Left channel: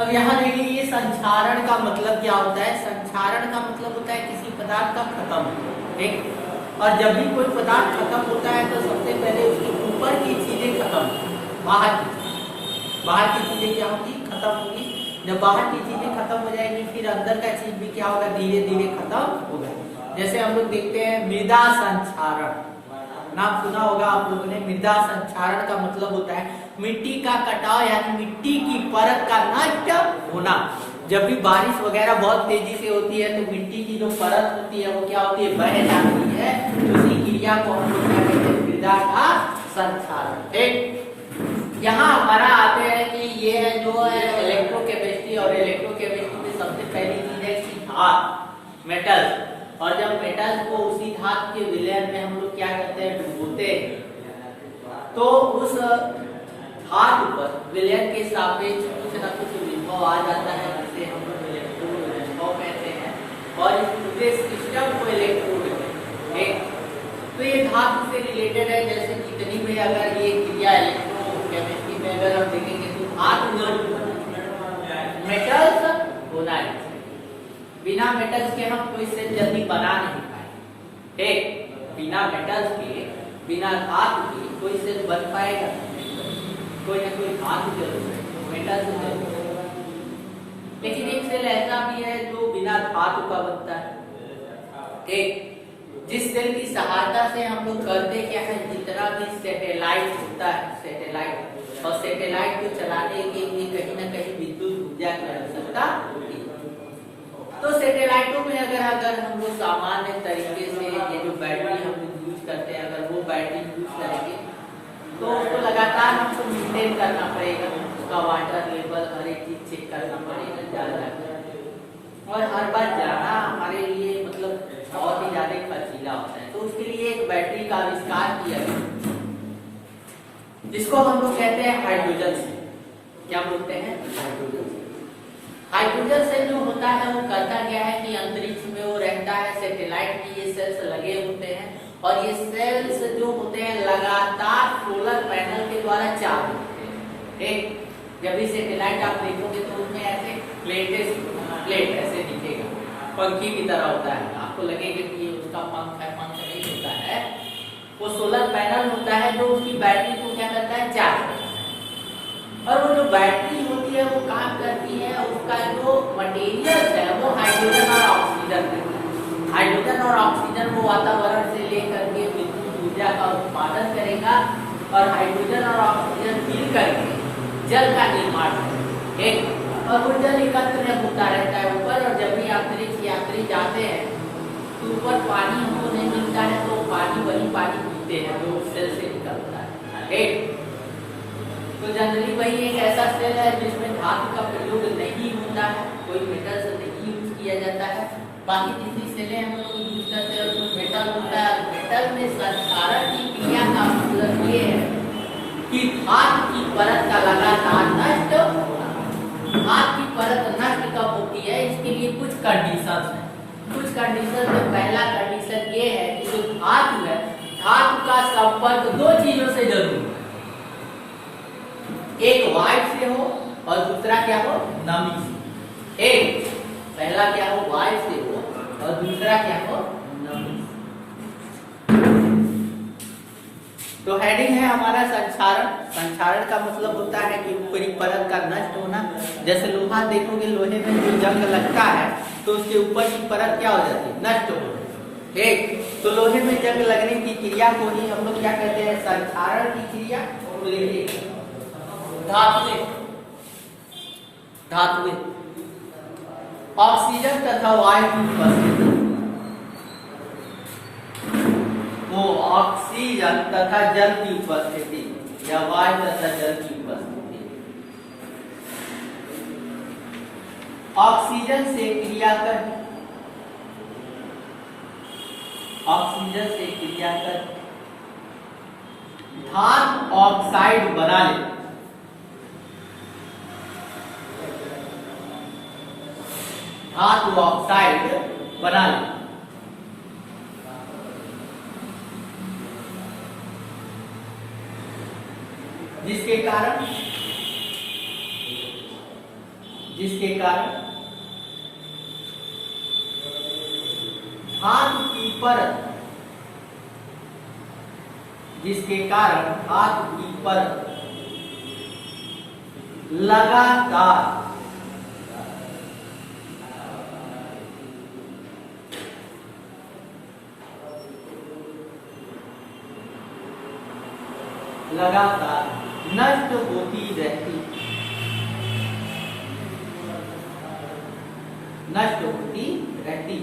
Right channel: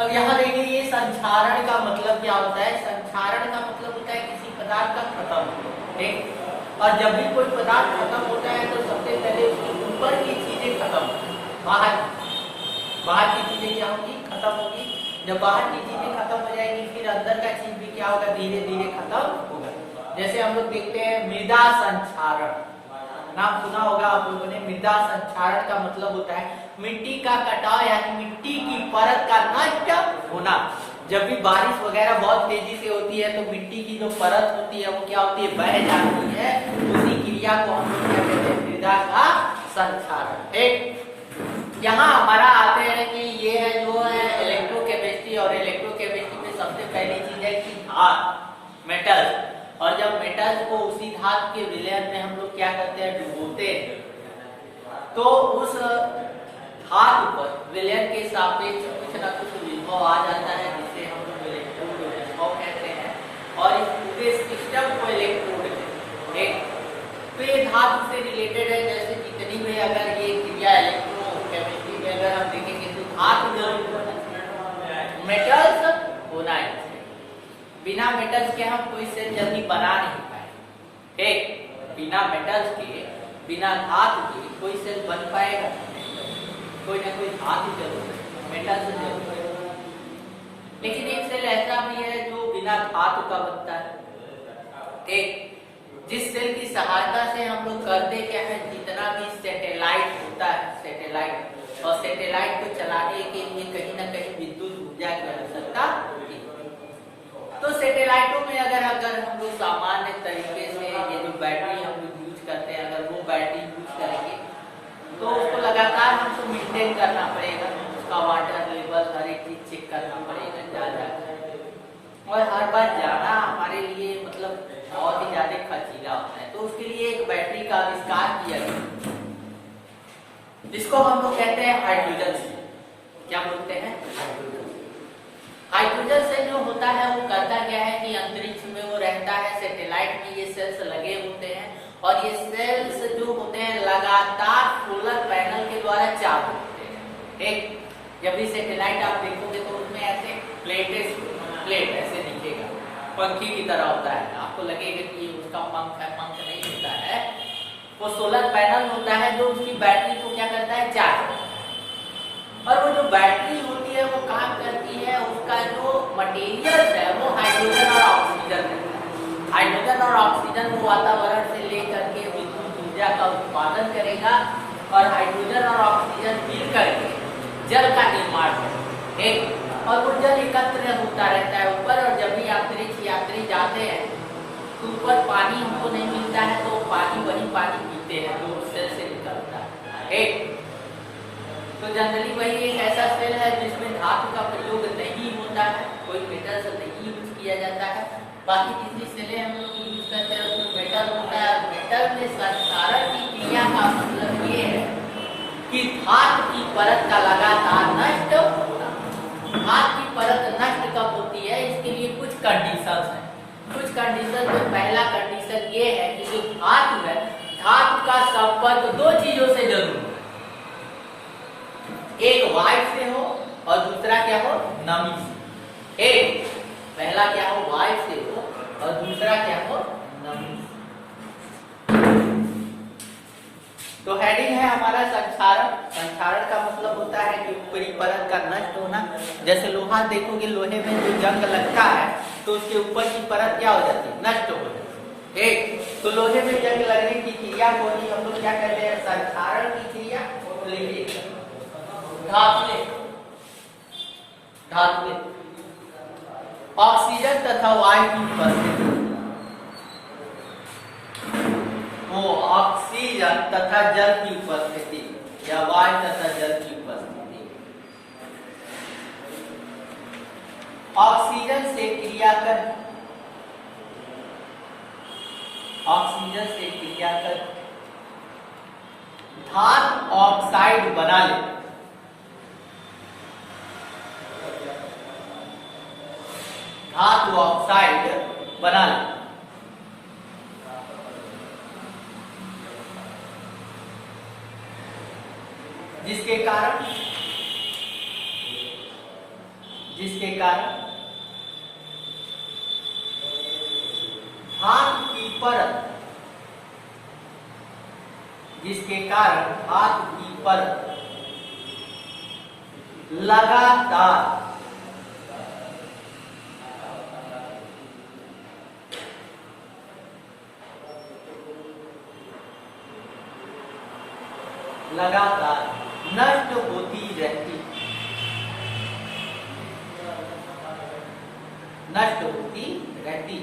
अब यहाँ देखिए ये संक्षारण का मतलब क्या होता है। संक्षारण का मतलब होता है किसी पदार्थ का खत्म, ठीक। और जब भी कोई पदार्थ खत्म होता है तो सबसे पहले उसके ऊपर की चीजें खत्म, बाहर की चीजें क्या होगी, खत्म होगी। जब बाहर की चीजें खत्म हो जाएंगी फिर अंदर का चीज भी क्या होगा, धीरे धीरे खत्म होगा। जैसे हम लोग देखते हैं मृदा संक्षारण, नाम सुना होगा आप लोगों ने। मृदा संक्षारण का मतलब होता है मिट्टी का कटाव, यानी मिट्टी की परत का नष्ट होना। जब भी बारिश वगैरह बहुत तेजी से होती है तो मिट्टी की जो परत होती है वो क्या होती है, बह जाती है। उसी क्रिया को हम लोग क्या कहते हैं, मृदा का संक्षारण। एक यहाँ हमारा आते हैं कि ये है जो है इलेक्ट्रोकेमिस्ट्री, और इलेक्ट्रोकेमिस्ट्री में सबसे पहली चीज है कि धातु, मेटल। और जब मेटल को उसी धातु के विलयन में हम लोग क्या करते हैं, डुबोते हैं, तो उस धातु पर विलयन के सापेक्ष कुछ न कुछ विभव आ जाता है, जिसे हम लोग इलेक्ट्रोड विभव कहते हैं। और इस पूरे सिस्टम को इलेक्ट्रोड कहते हैं। तो ये धातु से रिलेटेड है। जैसे जितनी भी अगर ये क्रिया इलेक्ट्रोकेमिस्ट्री में अगर हम देखेंगे तो धातु मेटल्स होना है। बिना मेटल्स के हम कोई सेल जल्दी बना नहीं पाए। एक बिना मेटल्स के, बिना धातु के कोई सेल बन पाएगा, कोई ना कोई धातु जरूर, मेटल से जरूर। लेकिन एक सेल ऐसा भी है जो बिना धातु का बनता है। एक जिस सेल की सहायता से हम लोग करते क्या है, जितना भी सैटेलाइट होता है, सैटेलाइट, और सैटेलाइट को चलाने के लिए कहीं ना कहीं विद्युत ऊर्जा की आवश्यकता होती है। तो सैटेलाइटों में अगर हम लोग सामान्य तरीके से ये जो बैटरी हम लोग यूज करते हैं, अगर वो बैटरी यूज करेंगे तो उसको लगातार हमको मेंटेन करना पड़ेगा, उसका वाटर लेवल हर एक चीज चेक करना पड़ेगा जाकर। और हर बार जाना हमारे लिए मतलब बहुत ही ज्यादा खर्चीला होता है। तो उसके लिए एक बैटरी का आविष्कार किया गया, जिसको हम लोग कहते हैं हाइड्रोजन सेल। क्या बोलते हैं, हाइड्रोजन सेल जो होता है वो करता क्या है कि अंतरिक्ष में वो रहता है, सैटेलाइट में ये सेल्स लगे होते हैं, और ये सेल्स जो होते हैं लगातार सोलर पैनल के द्वारा चार्ज होते हैं। एक जब भी सैटेलाइट आप देखोगे तो उसमें ऐसे प्लेट ऐसे दिखेगा, पंखी की तरह होता है, आपको लगेगा कि ये उसका पंख है, पंख नहीं होता है, वो सोलर पैनल होता है जो उसकी बैटरी को क्या करता है, चार्ज करता है। और वो जो बैटरी होती है वो काम करती है, उसका जो मटेरियल है वो हाइड्रोजन और ऑक्सीजन है। हाइड्रोजन और ऑक्सीजन को वातावरण से लेकर के विद्युत ऊर्जा का उत्पादन करेगा, और हाइड्रोजन और ऑक्सीजन मिल करके जल का निर्माण करेगा। और वो जल एकत्र होता रहता है ऊपर, और जब भी अंतरिक्ष यात्री जाते हैं तो ऊपर पानी हमको नहीं मिलता है, तो पानी वही पानी पीते हैं जो सेल से निकलता है। एक तो जनरली वही एक ऐसा सेल है जिसमें धातु का प्रयोग नहीं होता है, कोई मेटल से नहीं यूज किया जाता है। बाकी जितनी सेलें हम लोग यूज करते हैं उसमें मेटल होता है। मेटल में संक्षारण की क्रिया का मतलब ये है कि धातु की परत का लगातार नष्ट होना। धातु की परत नष्ट कब होती है, इसके लिए कुछ कंडीशंस हैं। कुछ कंडीशन में पहला कंडीशन ये है कि जो धातु है, धातु का संपर्क दो चीजों से जरूर हो, एक वायु से हो और दूसरा क्या हो, नमी से। एक पहला क्या हो, वायु से हो, और दूसरा क्या हो, नमी से। तो हेडिंग है हमारा संक्षारण। संक्षारण का मतलब होता है कि ऊपरी परत का नष्ट होना। जैसे लोहा देखोगे, लोहे में जो जंग लगता है तो उसके ऊपर की परत क्या हो जाती है, नष्ट हो जाती है। एक तो लोहे में जंग लगने की क्रिया को ही हम लोग क्या कहते हैं, संक्षारण की क्रिया। धातु ऑक्सीजन तथा वायु की उपस्थिति, वो ऑक्सीजन तथा जल की उपस्थिति या वायु तथा जल की उपस्थिति। ऑक्सीजन से क्रिया कर, ऑक्सीजन से क्रिया कर धातु ऑक्साइड बना ले। धातु ऑक्साइड बना ले, जिसके कारण जिसके कारण धातु की परत, जिसके कारण धातु की परत लगातार नष्ट होती रहती, नष्ट होती रहती।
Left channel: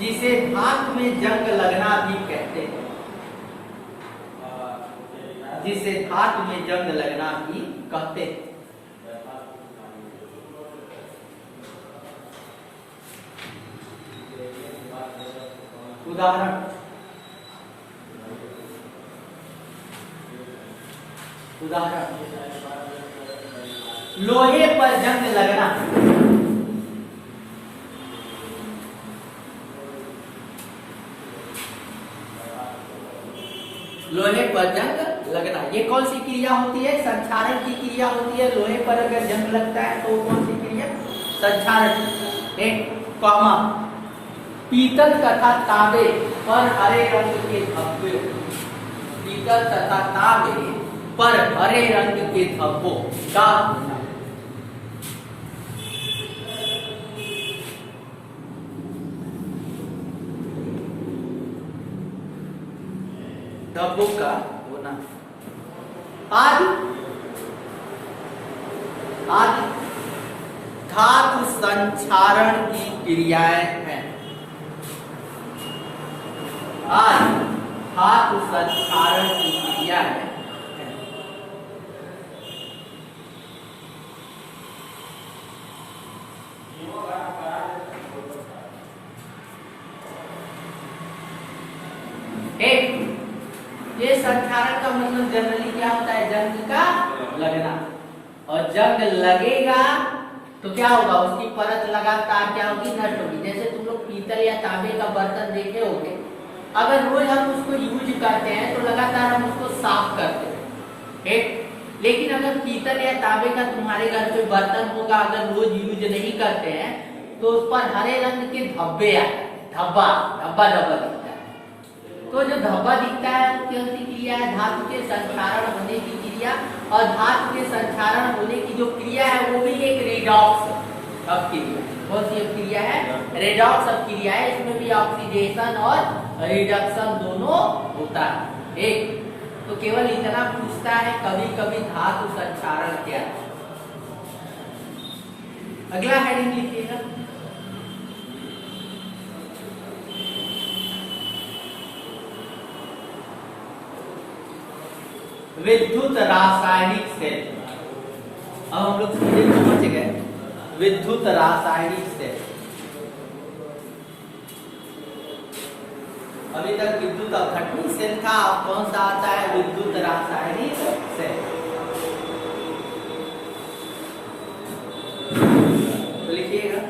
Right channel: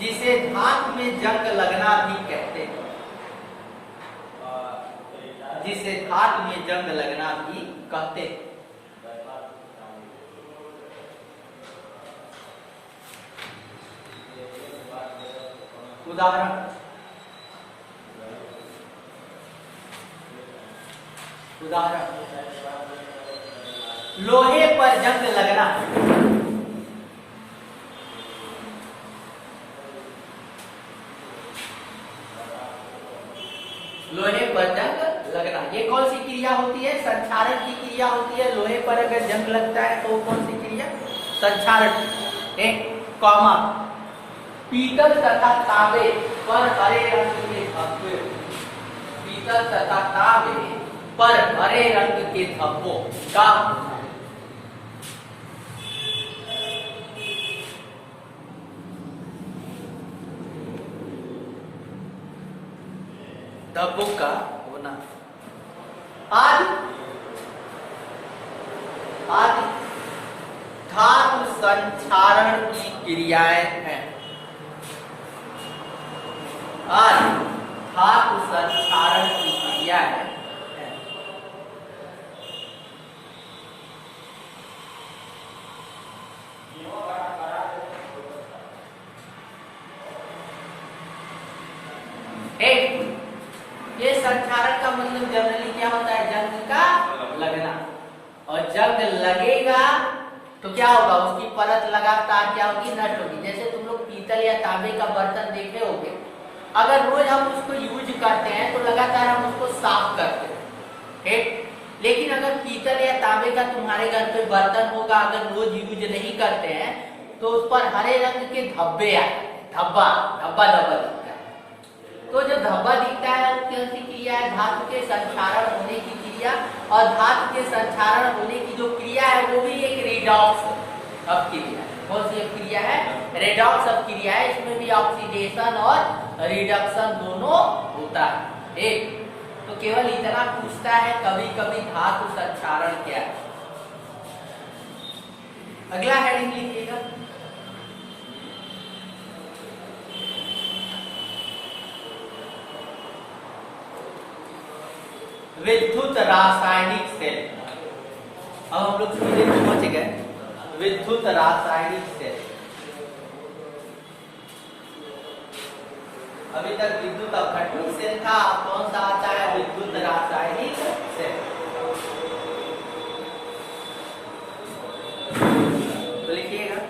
जिसे धातु में जंग लगना भी कहते हैं, जिसे धातु में जंग लगना भी कहते हैं। उदाहरण, लोहे पर जंग लगना, लोहे पर जंग लगना, ये कौन सी क्रिया होती है? संक्षारण की क्रिया होती है। लोहे पर अगर जंग लगता है तो कौन सी क्रिया? संक्षारण। एक कॉमा, पीतल तथा तांबे पर हरे रंग के धब्बे, पीतल तथा तांबे पर हरे रंग के धब्बों का होना, धब्बों का होना आदि धातु संक्षारण की क्रियाएं हैं। धातु संक्षारण की क्रिया है। ये संक्षारण का मतलब जनरली क्या होता है? जंग का लगना। और जंग लगेगा तो क्या होगा? उसकी परत लगातार क्या होगी? नष्ट होगी। जैसे तुम लोग पीतल या तांबे का बर्तन देखे होंगे, अगर रोज हम उसको यूज करते हैं तो लगातार हम उसको साफ करते हैं, ठीक। लेकिन अगर पीतल या तांबे का तुम्हारे घर पे बर्तन होगा, अगर रोज यूज नहीं करते हैं तो उस पर हरे रंग के धब्बे आए, धब्बा दिखता है। तो जो धब्बा दिखता है वो कौन सी क्रिया है? धातु के संक्षारण होने की क्रिया। और धातु के संक्षारण होने की जो क्रिया है वो भी एक रेडॉक्स ऑफ क्रिया। कौन सी क्रिया है? रेडॉक्स ऑफ क्रिया है। इसमें भी ऑक्सीडेशन और रिडक्शन दोनों होता है। एक तो केवल इतना पूछता है कभी कभी धातु संक्षारण क्या है। अगला हेडिंग लिखिएगा, विद्युत रासायनिक सेल। अब हम लोग सीधे पहुंच गए विद्युत रासायनिक सेल। अभी तक विद्युत अपघटनी सेल था, कौन सा आता है? विद्युत रासायनिक सेल। तो लिखिएगा,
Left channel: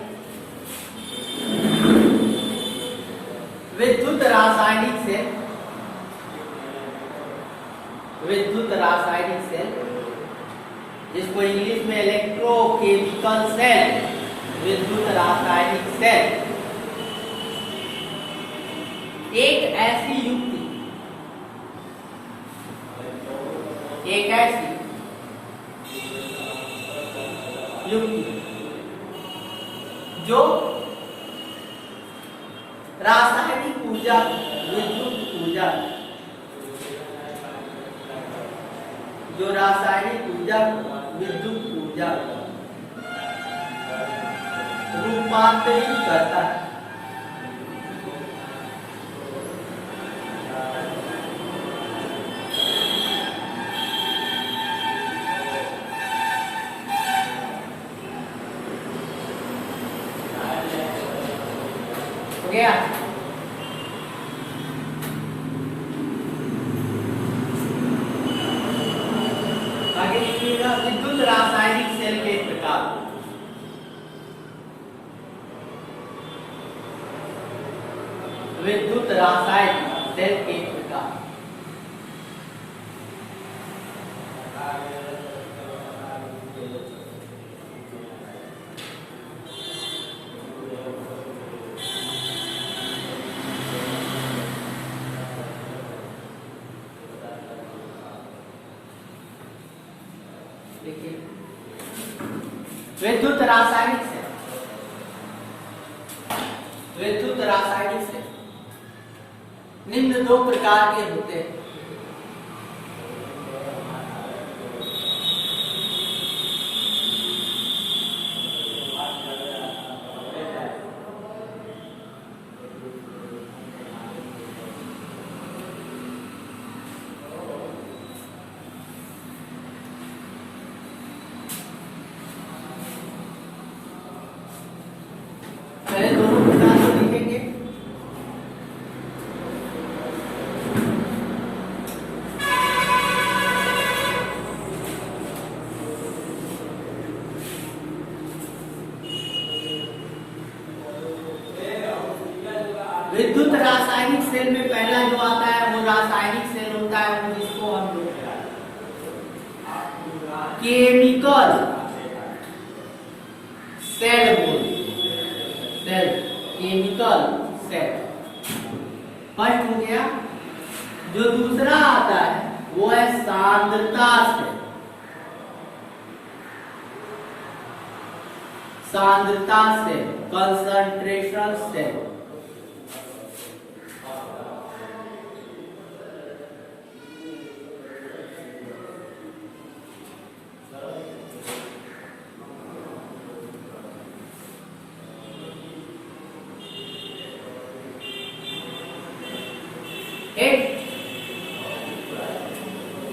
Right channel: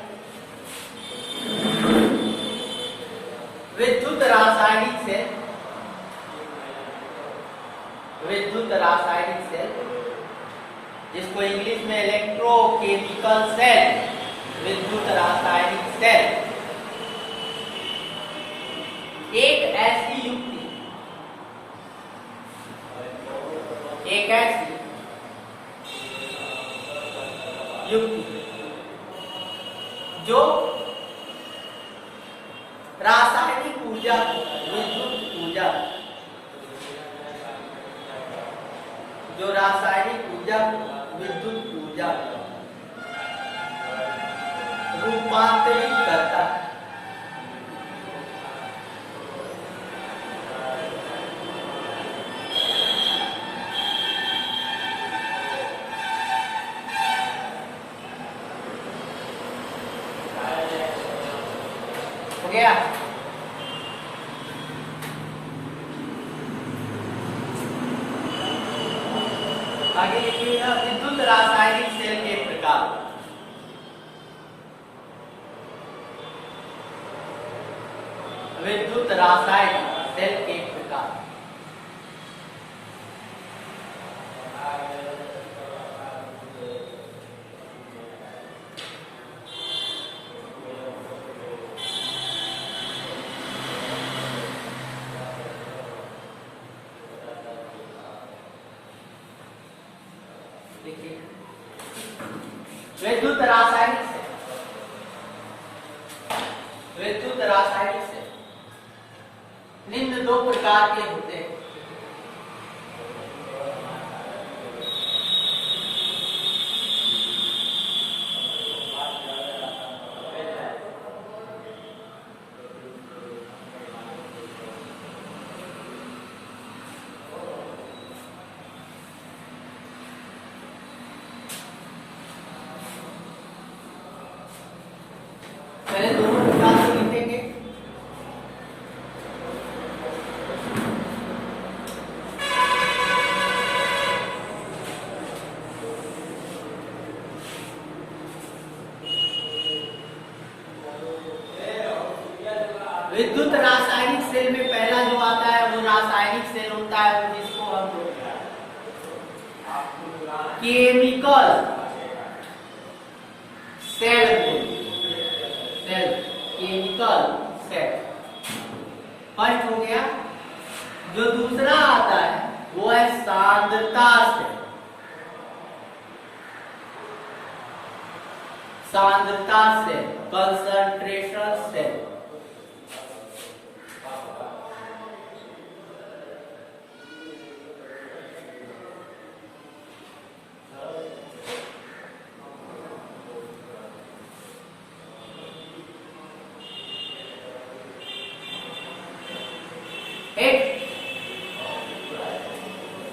विद्युत रासायनिक सेल, विद्युत रासायनिक सेल, जिसको इंग्लिश में इलेक्ट्रोकेमिकल सेल, विद्युत रासायनिक सेल, एक ऐसी युक्ति, एक ऐसी युक्ति जो रासायनिक ऊर्जा, विद्युत ऊर्जा, जो रासायनिक ऊर्जा विद्युत ऊर्जा रूपांतरित करता है। हो गया? आगे लिखिएगा, विद्युत रासायनिक सेल के प्रकार। विद्युत रासायनिक सेल के प्रकार। देखिए विद्युत रासायनिक सेल, विद्युत रासायनिक सेल निम्न दो प्रकार के होते हैं। पहले दोनों प्रकार को लिखेंगे। विद्युत रासायनिक सेल में पहला जो आता है वो रासायनिक सेल होता है, जिसको हम लोग केमिकल सेल बोलते हैं। सेल, केमिकल सेल फर्स्ट हो गया। जो दूसरा आता है वो है सांद्रता सेल। सांद्रता सेल, कंसंट्रेशन सेल।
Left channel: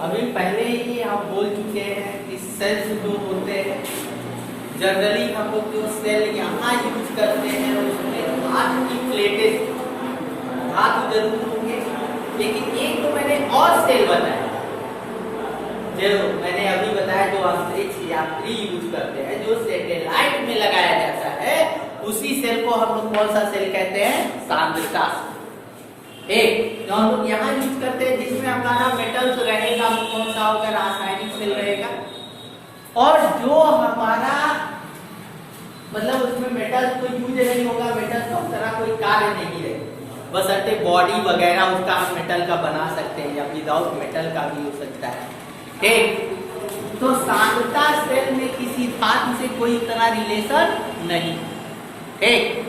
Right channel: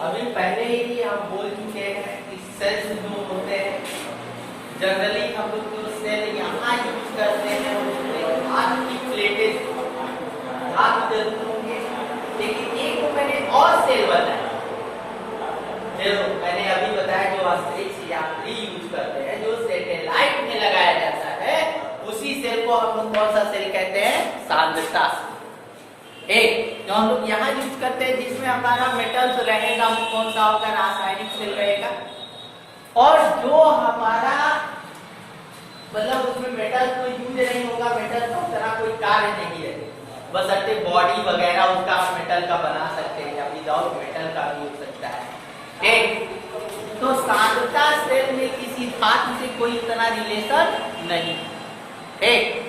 अभी पहले ही हम बोल चुके हैं कि सेल्स जो होते हैं जनरली हम लोग जो सेल यहाँ यूज करते हैं उसमें धातु की प्लेटें, धातु जरूर होंगे, लेकिन एक तो मैंने और सेल बताया, जो मैंने अभी बताया जो अंतरिक्ष यात्री यूज करते हैं, जो सैटेलाइट में लगाया जाता है, उसी सेल को हम लोग कौन सा सेल कहते हैं? सांद्रता। एक जो हम लोग यहाँ यूज करते हैं जिसमें हमारा मेटल्स रहेगा वो कौन सा होगा? रासायनिक सेल रहेगा। और जो हमारा मतलब उसमें मेटल्स कोई यूज नहीं होगा, मेटल्स की तरह कोई कार्य नहीं है, बस अट्टे बॉडी वगैरह उसका हम मेटल का बना सकते हैं या विदाउट मेटल का भी हो सकता है। ठीक, तो सांद्रता सेल में किसी धातु से कोई इतना रिलेशन नहीं। ठीक,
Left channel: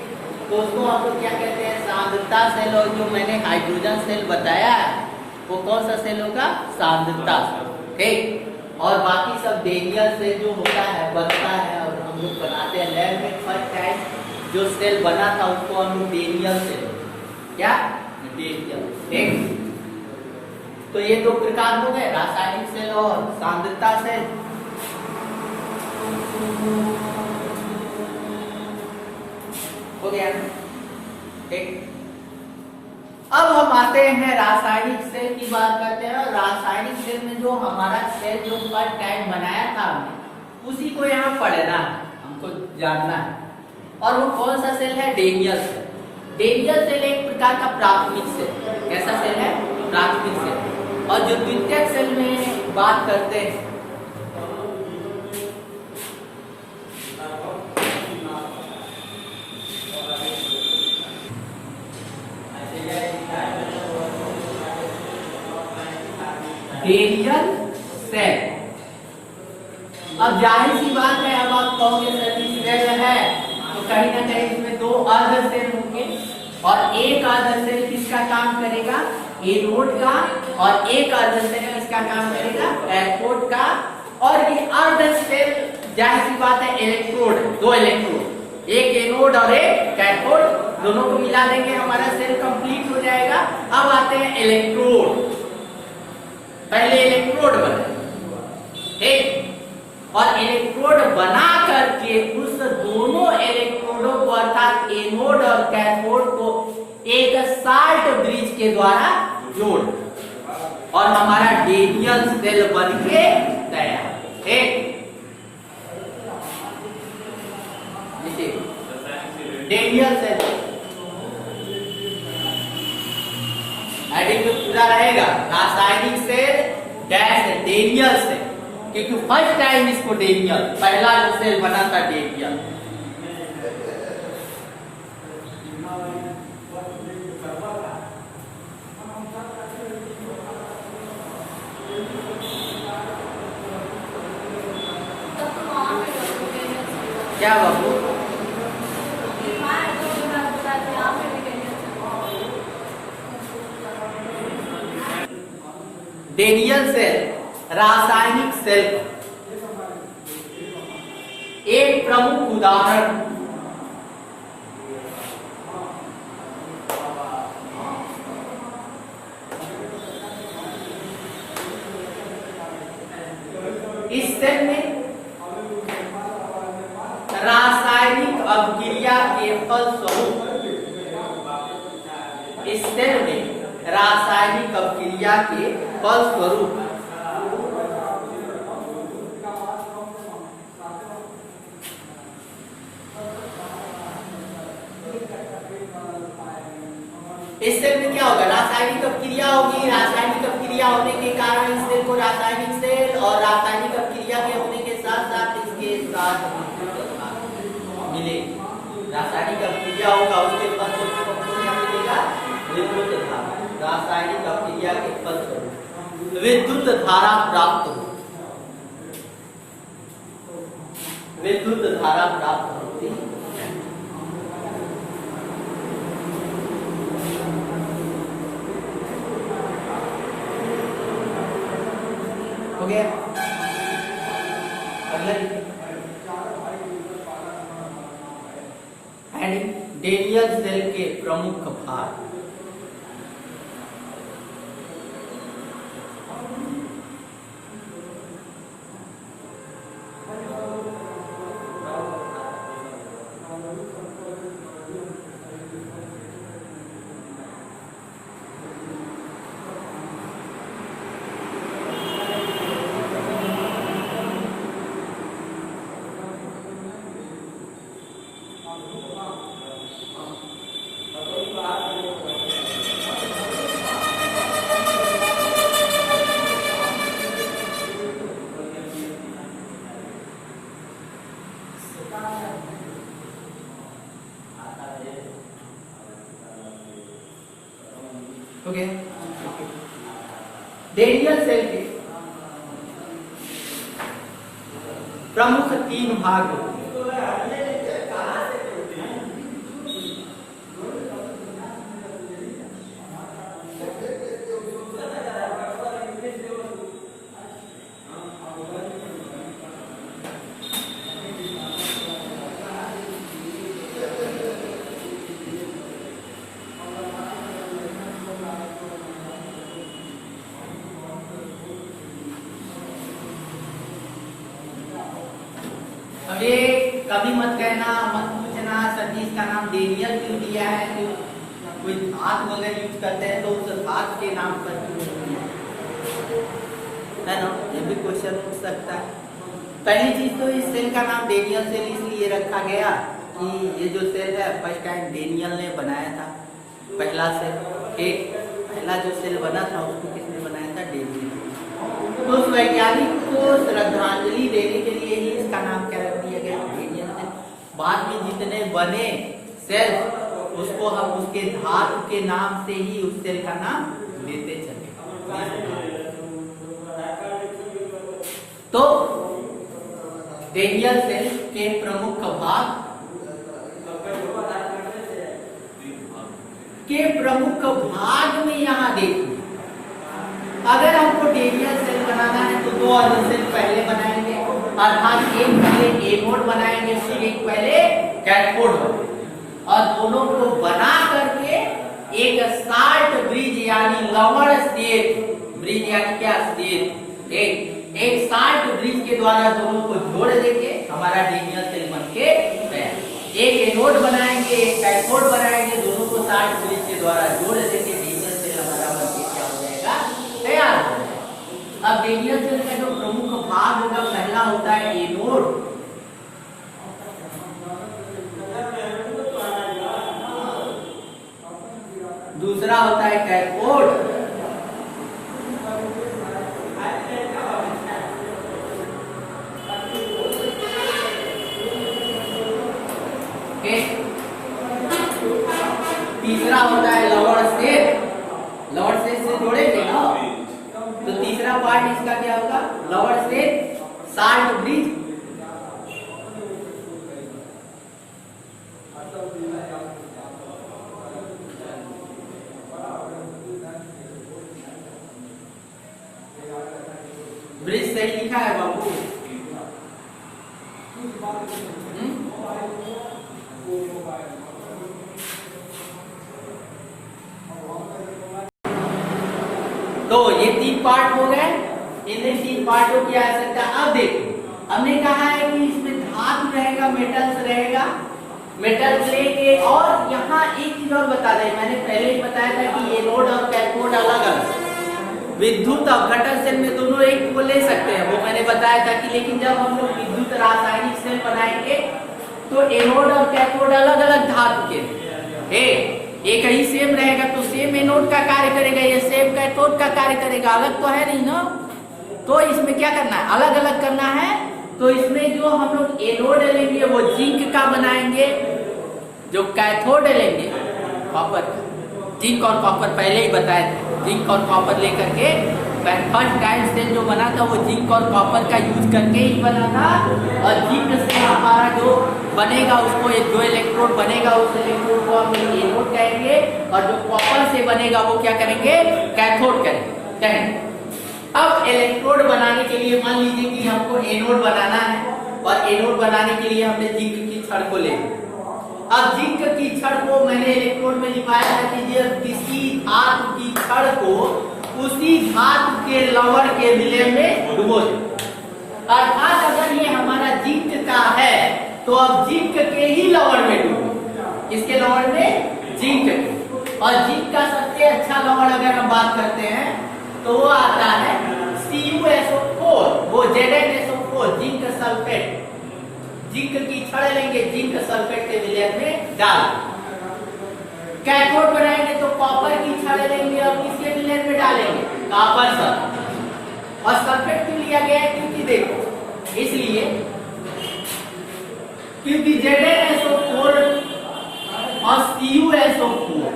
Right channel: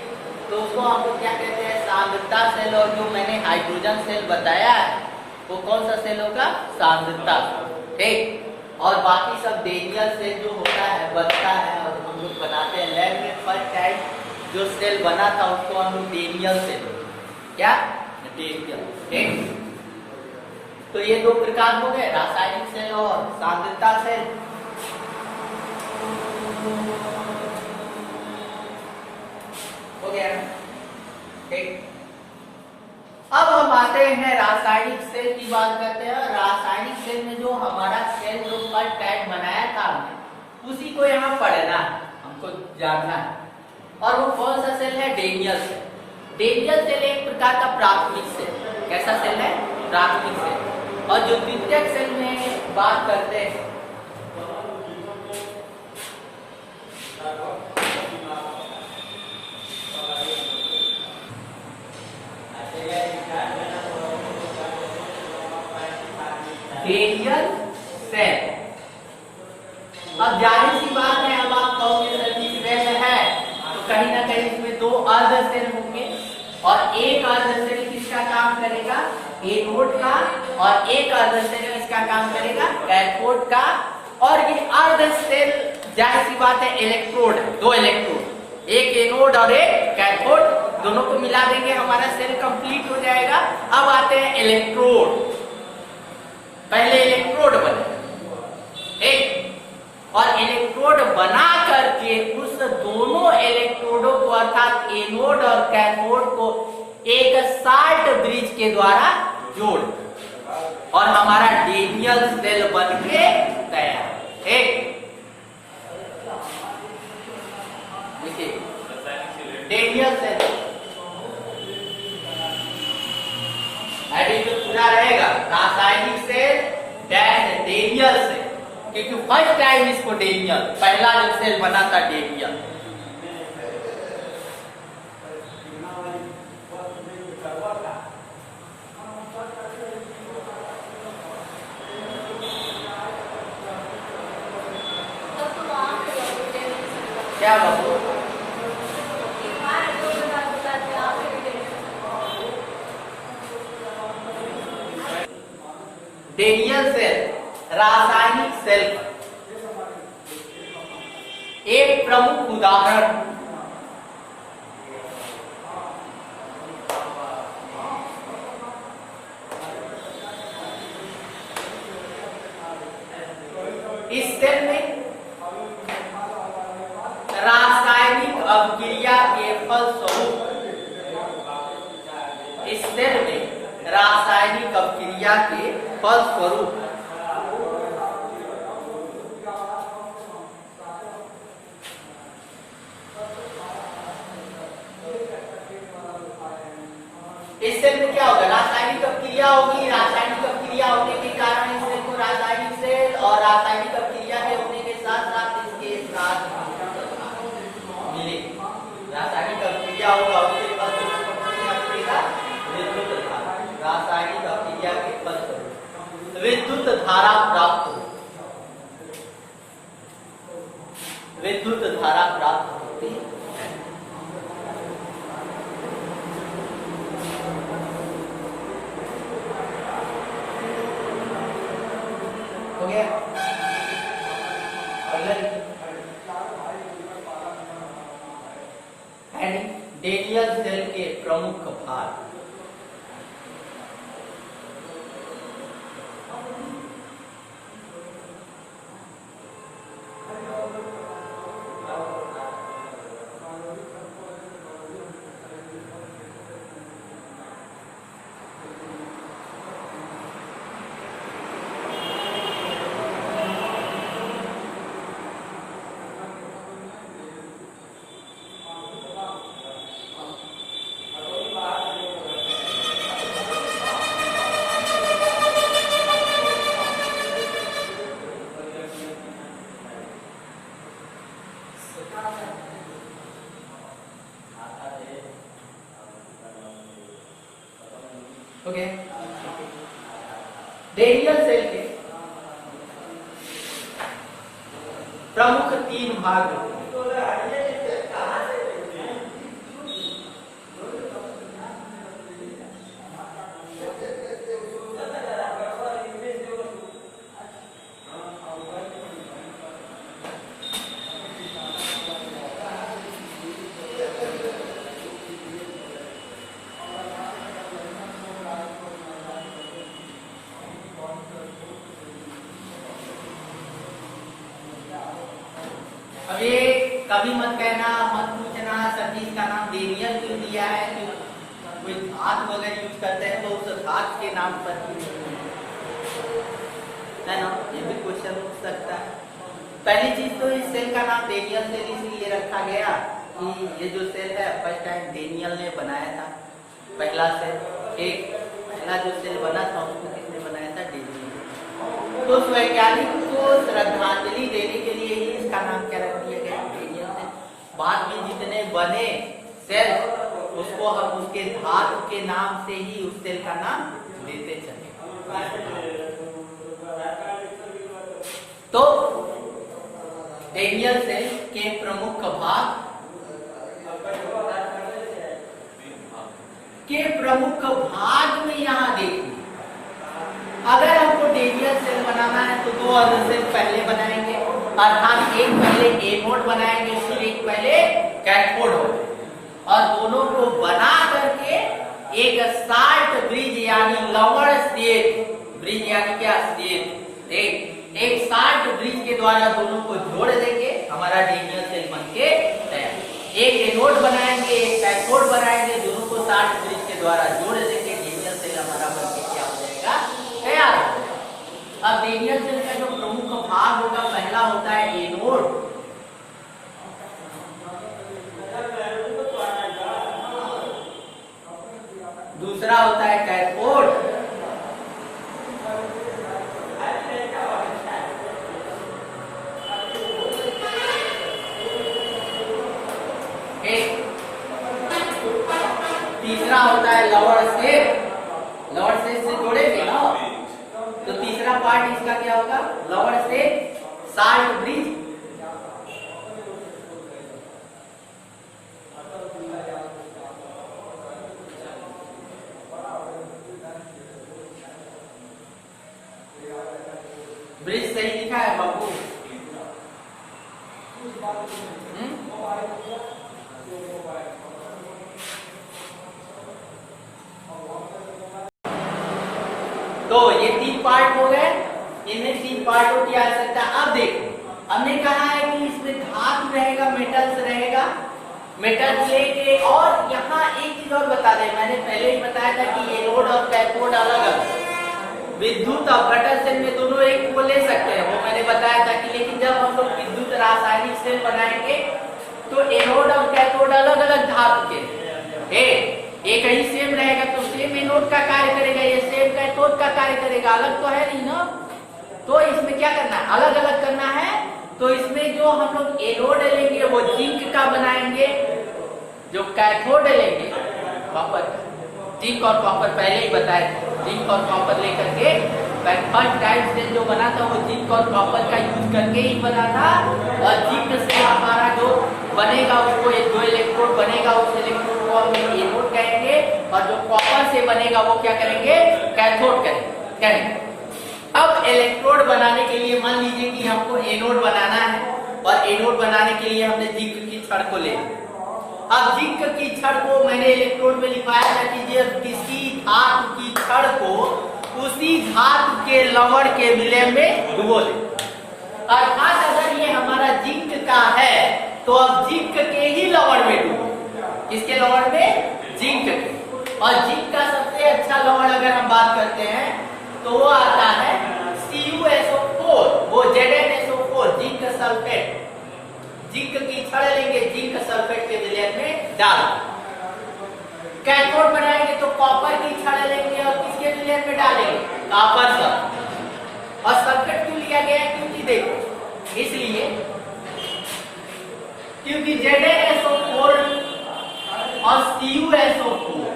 तो उसको हम लोग क्या कहते हैं? सांद्रता सेल। और जो मैंने हाइड्रोजन सेल बताया है वो कौन सा सेल होगा? सांद्रता। ठीक, और बाकी सब डेनियल सेल जो होता है बनता है और हम लोग बनाते हैं लैब में। फर्स्ट टाइम जो सेल बना था उसको हम लोग डेनियल सेल, क्या डेनियल। ठीक, तो ये दो प्रकार हो गए, रासायनिक सेल और सांद्रता सेल। हो गया। ठीक, अब हम आते हैं रासायनिक सेल की बात करते हैं। रासायनिक सेल में जो हमारा सेल जो फर्स्ट टाइम बनाया था हमने, उसी को यहाँ पढ़ना है, हमको जानना है। और वो कौन सा सेल है? Daniel cell. डेनियल सेल एक प्रकार का प्राथमिक सेल। कैसा सेल है? प्राथमिक सेल। और जो द्वितीयक सेल में बात करते हैं डेनियल सेल। अब जाहिर सी बात है, अब आप कहोगे सर सेल है तो कहीं ना कहीं इसमें दो अर्ध सेल होंगे और एक अर्ध सेल किसका काम करेगा? एनोड का, और एक अर्ध सेल किसका काम करेगा? कैथोड का। और ये अर्ध सेल जाहिर सी बात है इलेक्ट्रोड, दो इलेक्ट्रोड, एक एनोड और एक कैथोड, दोनों को मिला देंगे हमारा सेल कंप्लीट हो जाएगा। अब आते हैं इलेक्ट्रोड। पहले इलेक्ट्रोड बने, ठीक, और इलेक्ट्रोड बना करके उस दोनों इलेक्ट्रोडों को अर्थात एनोड और कैथोड को एक शार्ट ब्रिज के द्वारा जोड़, और हमारा डेनियल सेल बन के तैयार। ठीक, देखिए डेनियल सेल एडिटिव पूरा रहेगा, रासायनिक सेल डैश डेनियल सेल, क्योंकि फर्स्ट टाइम इसको डेनियल, पहला जो सेल बना था डेनियल। क्या बाबू? डेनियल सेल रासायनिक सेल का एक प्रमुख उदाहरण इस सेल में रासायनिक अभिक्रिया के फलस्वरूप इस सेल में रासायनिक अभिक्रिया के फलस्वरूप इस सेल में क्या होगा? रासायनिक अभिक्रिया होगी। रासायनिक अभिक्रिया होने के कारण इस सेल को रासायनिक सेल और रासायनिक अभिक्रिया के होने के साथ साथ इसके साथ मिले रासायनिक अभिक्रिया होगा, उसके मिलेगा विद्युत धारा। रासायनिक अभिक्रिया के फलस्वरूप विद्युत धारा प्राप्त हो, विद्युत धारा प्राप्त होती है। हो गया? डेनियल सेल के प्रमुख भाग। ओके, डेनियल सेल के प्रमुख 3 भाग होते हैं। अब ये कभी मत कहना, मत पूछना सर जी इसका नाम डेनियल क्यों दिया है, क्यों कोई धातु अगर यूज करते हैं तो उस धातु के नाम पर क्यों नहीं है ना, ये भी क्वेश्चन पूछ सकता है। पहली चीज तो इस सेल का नाम डेनियल सेल इसलिए रखा गया कि ये जो सेल है फर्स्ट टाइम डेनियल ने बनाया था, पहला सेल, एक पहला जो सेल बना था उसको किसने बनाया था? डेनियल। तो उस वैज्ञानिक को श्रद्धांजलि देने के लिए ही इसका नाम क्या रख दिया गया? Daniell cell. बाद में जितने बने सेल उसको हम उसके धातु के नाम से ही उस सेल का नाम देते चले। तो डेनियल सेल के प्रमुख भाग में यहाँ देखिए, अगर हमको डेनियल सेल बनाना है तो 2 अदर सेल पहले बनाएंगे, अर्थात एक पहले एनोड बनाएंगे फिर एक पहले कैथोड होगा, और दोनों को बना करके एक साल्ट ब्रिज यानी लवण स्टेट ब्रिज यानी क्या स्टेट एक साल्ट ब्रिज के द्वारा दोनों को जोड़ देंगे, हमारा डेनियल सेल बनके तैयार। एक एनोड बनाएंगे एक कैथोड बनाएंगे, दोनों को साल्ट ब्रिज के द्वारा जोड़ देंगे, डेनियल सेल हमारा बनके क्या हो जाएगा? तैयार हो जाएगा। अब डेनियल सेल का जो प्रमुख भाग होगा, पहला होता है एनोड, दूसरा होता है कैथोड, तीसरा होता है लवण सेट। लवण सेट से जोड़ेंगे ना तो तीसरा पार्ट इसका क्या होगा? लवण सेट साल्ट ब्रिज, लिखा है बाबू? तो ये 3 पार्ट हो गए, इन्हें 3 पार्टों की आवश्यकता। अब देखो हमने कहा है कि इसमें धातु रहेगा, मेटल्स रहेगा, मेटल्स लेके, और यहाँ एक चीज और बता दें, मैंने पहले ही बताया था कि एनोड और कैथोड अलग अलग, विद्युत अपघटन सेल में दोनों एक को ले सकते हैं, वो मैंने बताया था कि, लेकिन जब हम लोग विद्युत रासायनिक सेल बनाएंगे तो एनोड और कैथोड अलग अलग धातु के, एक ही सेम रहेगा तो सेम एनोड का कार्य करेगा, ये सेम कैथोड का कार्य करेगा, अलग तो है नहीं ना। तो इसमें क्या करना है, अलग अलग करना है। तो इसमें जो हम लोग एनोड लेंगे वो जिंक का बनाएंगे, जो कैथोड लेंगे कॉपर, जिंक और कॉपर पहले ही बताए थे, जिंक और कॉपर लेकर के फर्स्ट टाइम से जो बना था वो जिंक और कॉपर का यूज करके ही बना था। और जिंक से हमारा जो बनेगा उसको एक 2 इलेक्ट्रोड बनेगा, उस इलेक्ट्रोड को हम एनोड कहेंगे, और जो कॉपर से बनेगा वो क्या करेंगे, कैथोड कहेंगे। अब इलेक्ट्रोड बनाने के लिए मान लीजिए कि हमको एनोड बनाना है, और एनोड बनाने के लिए हमने जिंक की छड़ को ले, अब जिंक की छड़ को मैंने इलेक्ट्रोड में लिखवाया था कि किसी धातु की छड़ को उसी धातु के लवण के विलय में डुबो दे। अर्थात अगर ये हमारा जिंक का है तो अब जिंक के ही लवण में डुबो, किसके लवण में, जिंक के। और जिंक का सबसे अच्छा लवण अगर हम बात करते हैं तो वो आता है CuSO4, वो ZnSO4, जिंक सल्फेट। जिंक की छड़ लेंगे, जिंक सल्फेट के विलय में डाल, कैथोड बनाएंगे तो कॉपर की छड़ लेंगे और किसके विलय में डालेंगे, कॉपर सल्फेट। और सल्फेट क्यों लिया गया है, क्योंकि देखो इसलिए क्योंकि ZnSO4 और CuSO4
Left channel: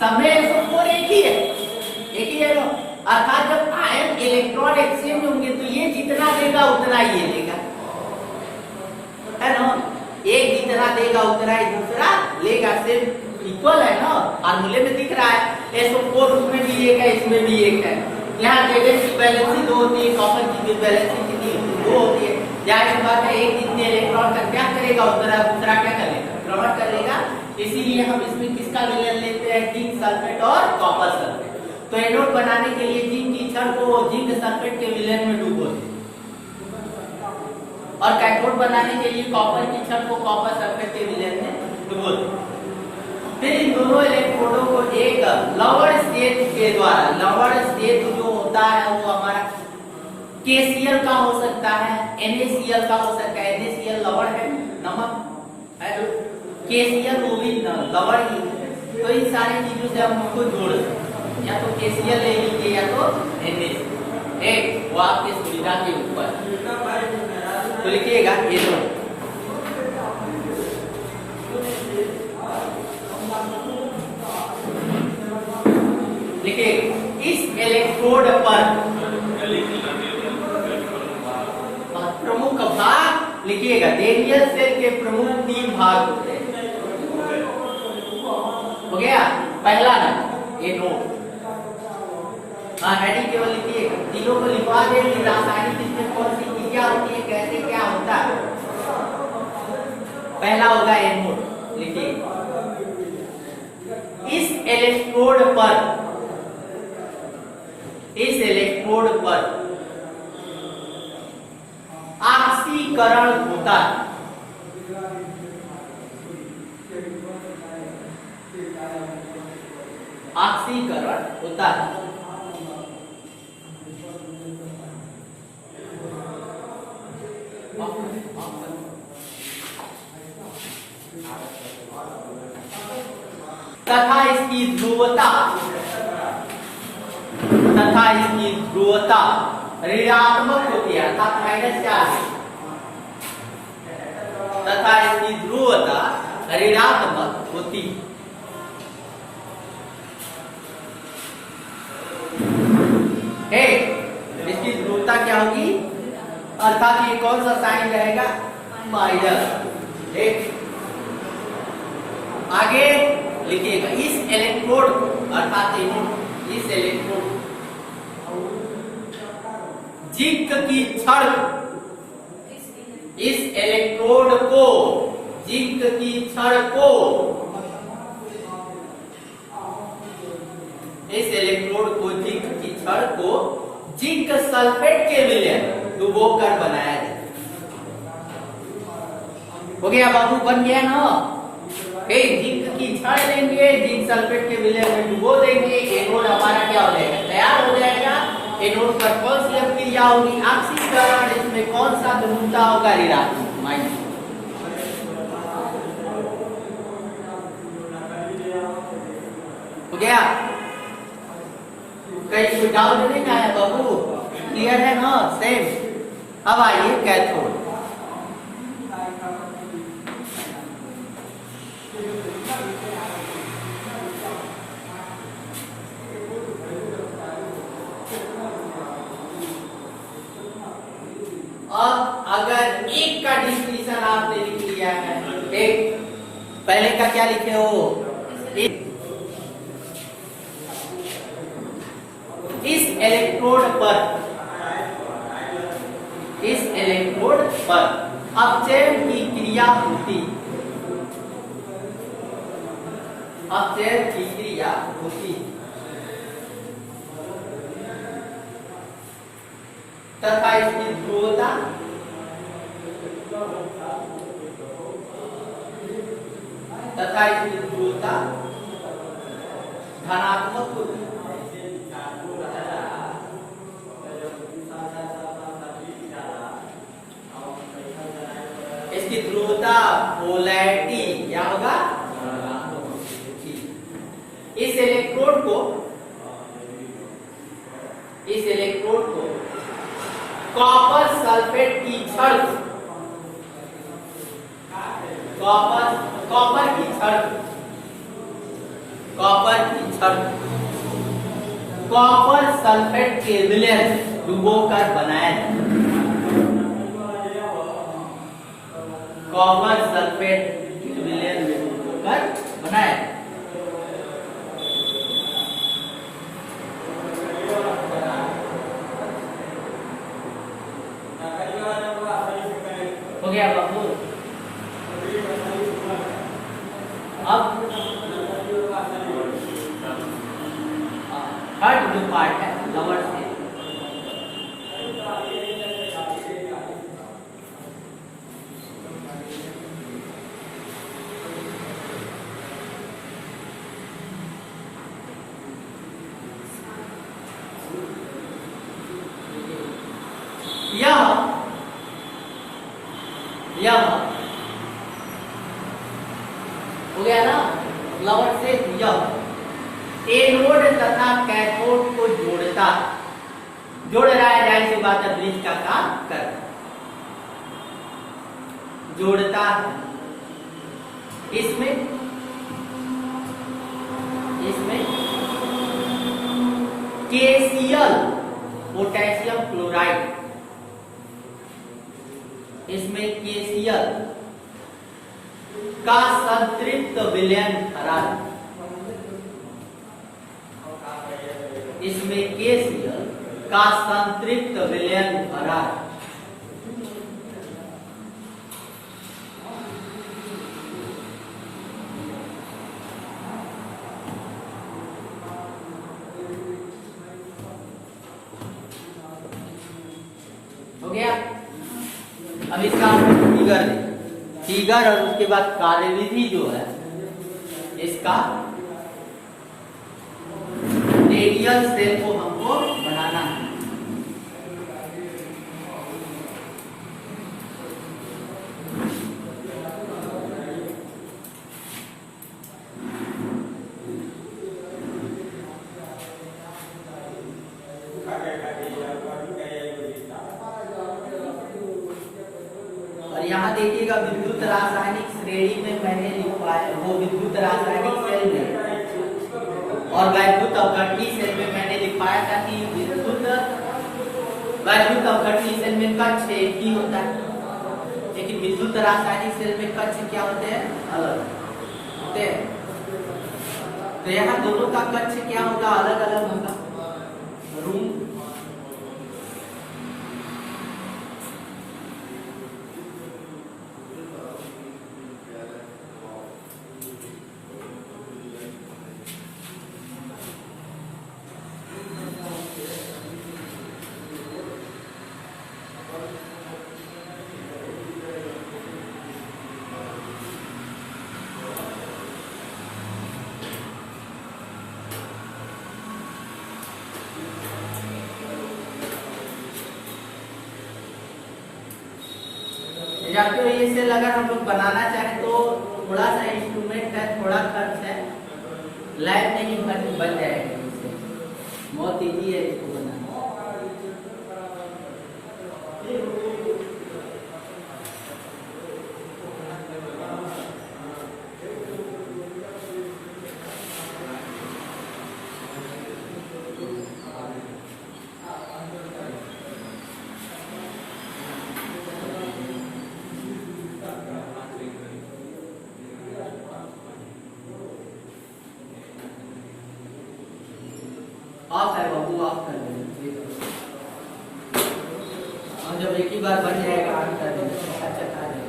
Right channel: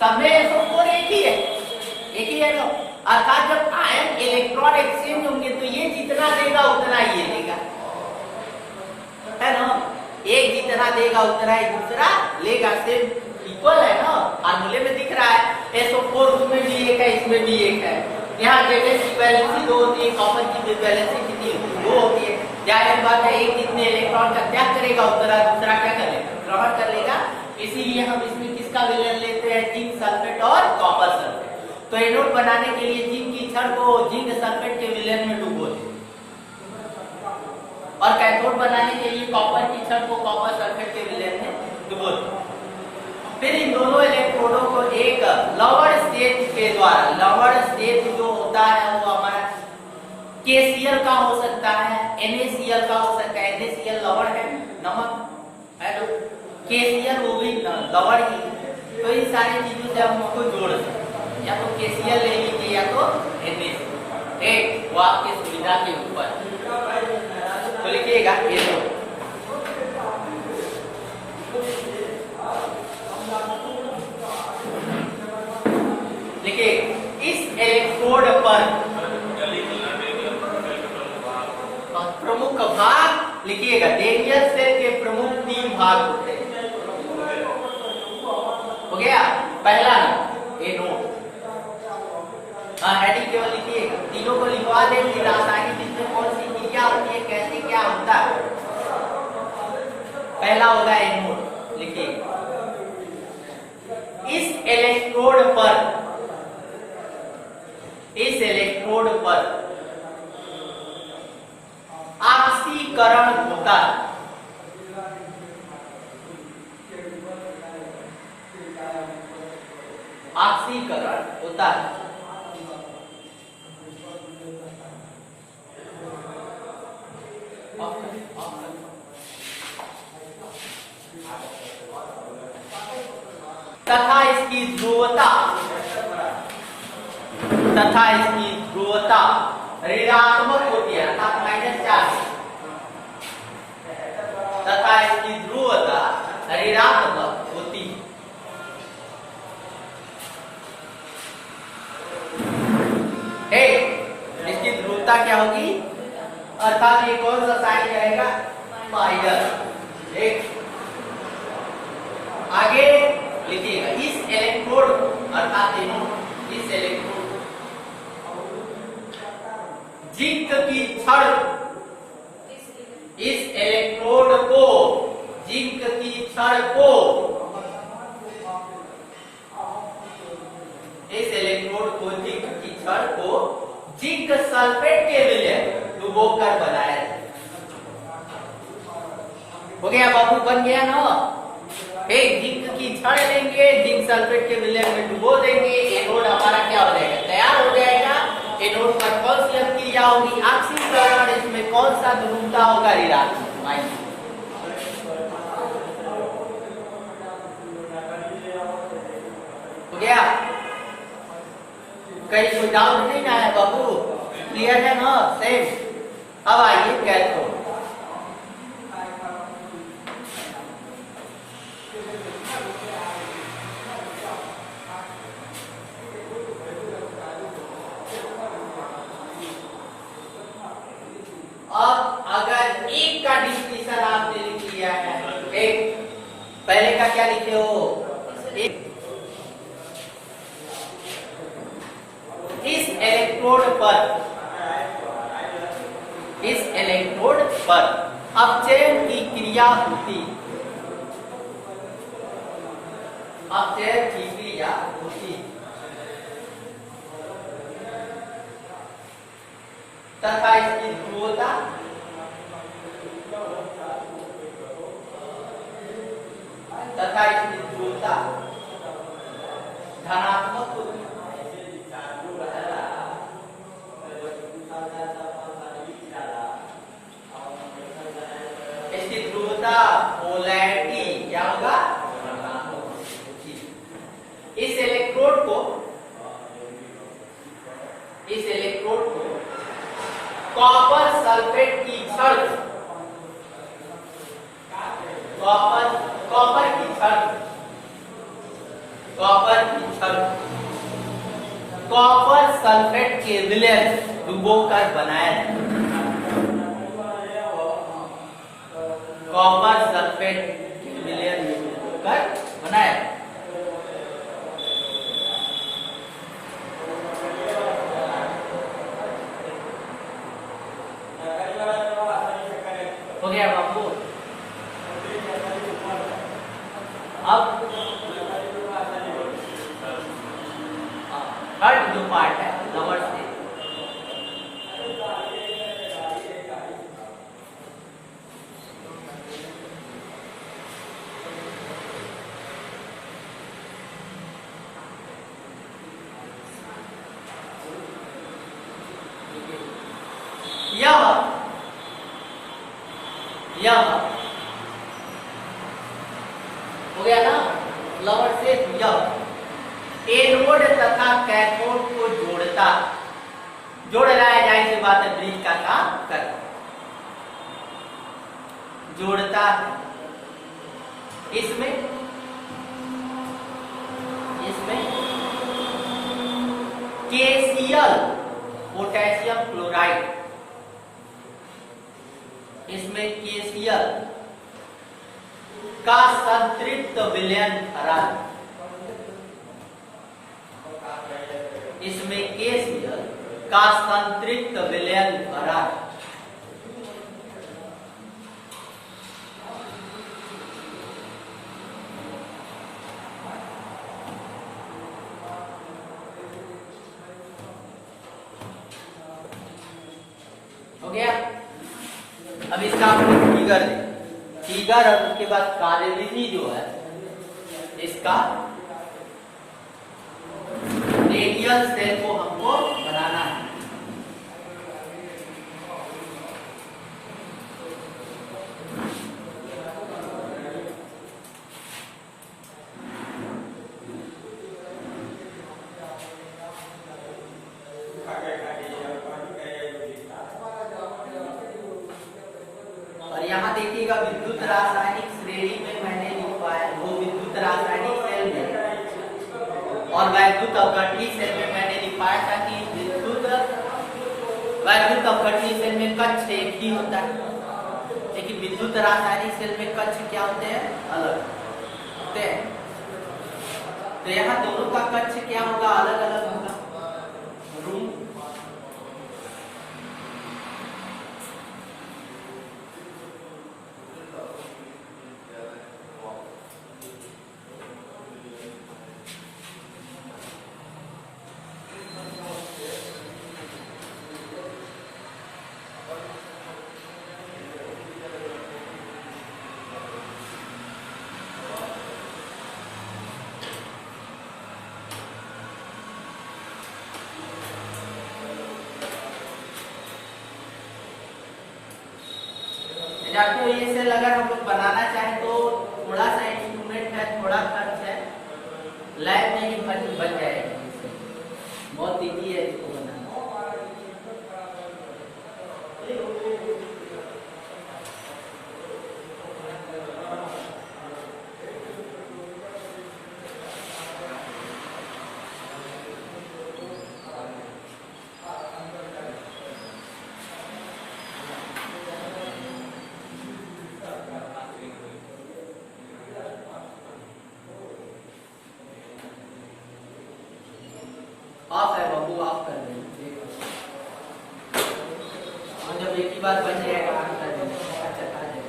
सब में SO4 एक ही है ना। अर्थात जब आयन इलेक्ट्रॉन एक्सचेंज होंगे तो ये जितना देगा उतना ये लेगा, है ना, एक जितना देगा उतना ही दूसरा लेगा, सिर्फ इक्वल है ना, फार्मूले में दिख रहा है। SO4 उसमें भी एक है, इसमें भी एक है। यहाँ Zn की वैलेंसी 2 होती है, कॉपर की वैलेंसी कितनी 2 होती है। यहाँ एक बात है, एक जितने इलेक्ट्रॉन का क्या करेगा उतना दूसरा क्या करेगा, ग्रहण कर लेगा। इसीलिए हम इसमें किसका विलयन लेते हैं, जिंक सल्फेट और कॉपर सल्फेट। तो एनोड बनाने के लिए जिंक की छड़ को जिंक सल्फेट के विलयन में डुबो दे, और कैथोड बनाने के लिए कॉपर की छड़ को कॉपर सल्फेट के विलयन में डुबो दे। फिर इन दोनों इलेक्ट्रोडों को एक लवण सेतु के द्वारा, लवण सेतु जो होता है वो हमारा KCl का हो सकता है, NaCl का हो सकता है, NaCl लवण है, नमक है, KCl वो भी लवण ही है। तो इन सारी चीजों से हम उसको जोड़ सकते हैं, या तो KCl ले लीजिए या तो NaCl, एक वो आपके सुविधा के ऊपर। तो लिखिएगा एनोड, लिखिए इस इलेक्ट्रोड पर प्रमुख भाग, लिखिएगा डेनियल सेल के प्रमुख 3 भाग होते हैं। हो गया पहला नंबर एनोड, हाँ हेडिंग केवल लिखिएगा, तीनों को लिखवा दें कि रासायनिक इसमें कौन सी चीज क्या होती है, कैसे क्या होता है। पहला होगा एनोड, लिखिए इस इलेक्ट्रोड पर, इस इलेक्ट्रोड पर ऑक्सीकरण होता है, ऑक्सीकरण होता है। तथा इसकी ध्रुवता, तथा इसकी ध्रुवता ऋणात्मक होती है, अर्थात -4, तथा इसकी ध्रुवता ऋणात्मक होती है। इसकी ध्रुवता क्या होगी, अर्थात ये कौन सा साइन रहेगा, माइनस। एक आगे लिखिएगा इस इलेक्ट्रोड, अर्थात इस इलेक्ट्रोड जिंक की छड़, इस इलेक्ट्रोड को, जिंक की छड़ को, इस इलेक्ट्रोड को, जिंक की छड़ को जिंक सल्फेट के विलयन डुबो कर बनाया जाए। हो गया बाबू, बन गया ना। जिंक की छड़ लेंगे, जिंक सल्फेट के विलयन में डुबो देंगे, एनोड हमारा क्या हो जाएगा, तैयार हो जाएगा। एनोड पर कौन सी अभिक्रिया होगी, ऑक्सीकरण। इसमें कौन सा ध्रुवता होगा, ऋणात्मक, माइनस। हो गया, कहीं कोई डाउट नहीं आया बाबू, क्लियर है ना, सेम। अब आइए कैथोड। अब अगर एक का डिस्क्रिप्शन आपने लिख लिया है, एक पहले का क्या लिखे हो, एक इस इलेक्ट्रोड पर, इस इलेक्ट्रोड पर अपचयन की क्रिया होती, अपचयन की क्रिया होती तथा इसकी ध्रुवता धनात्मक होती। इसकी ध्रुवता, पोलैरिटी क्या होगा, इस इलेक्ट्रोड को, इस इलेक्ट्रोड को कॉपर सल्फेट की छड़, कॉपर की छड़, कॉपर की छड़, कॉपर सल्फेट के विलयन डुबोकर बनाया, कॉपर सल्फेट के विलयन डुबोकर बनाया। हो गया बाबू। अब थर्ड जो पार्ट है लवर से, यह हो गया ना, लवर से यह एनोड तथा कैथोड को जोड़ता, जोड़ रहा है, जाहिर सी बात है ब्रिज का काम कर, जोड़ता है। इसमें KCl पोटेशियम क्लोराइड, इसमें KCl का संतृप्त विलयन करा, इसमें KCl का संतृप्त विलयन करा। हो गया। अब इसका फिगर, फिगर और उसके बाद कार्यविधि जो है इसका, रेडियल सेल को हमको बनाना है। और यहाँ देखिएगा विद्युत रासायनिक श्रेणी में मैंने लिखा है, वो विद्युत रासायनिक सेल में और वैद्युत अवघटनी सेल में मैंने लिखाया था कि वैद्युत अवघटनी सेल में कक्ष एक ही होता है, लेकिन विद्युत रासायनिक सेल में कक्ष क्या होते हैं, अलग होते हैं। तो यहाँ दोनों का कक्ष क्या होगा, अलग अलग होगा, रूम। जानते हो ये सेल अगर हम लोग बनाना चाहें तो थोड़ा सा इंस्ट्रूमेंट है, थोड़ा खर्च है, लैब में ही बन जाएगा। इससे बहुत इजी है इसको बनाना। ऑफ है बाबू, ऑफ कर देना। और जब एक ही बार बन जाएगा ऑन कर देना, अच्छा खा जाएगा।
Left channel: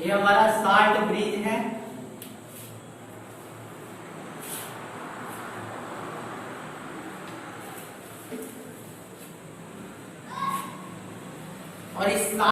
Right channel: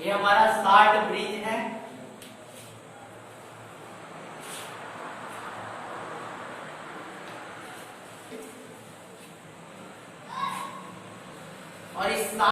ये हमारा साल्ट ब्रिज है।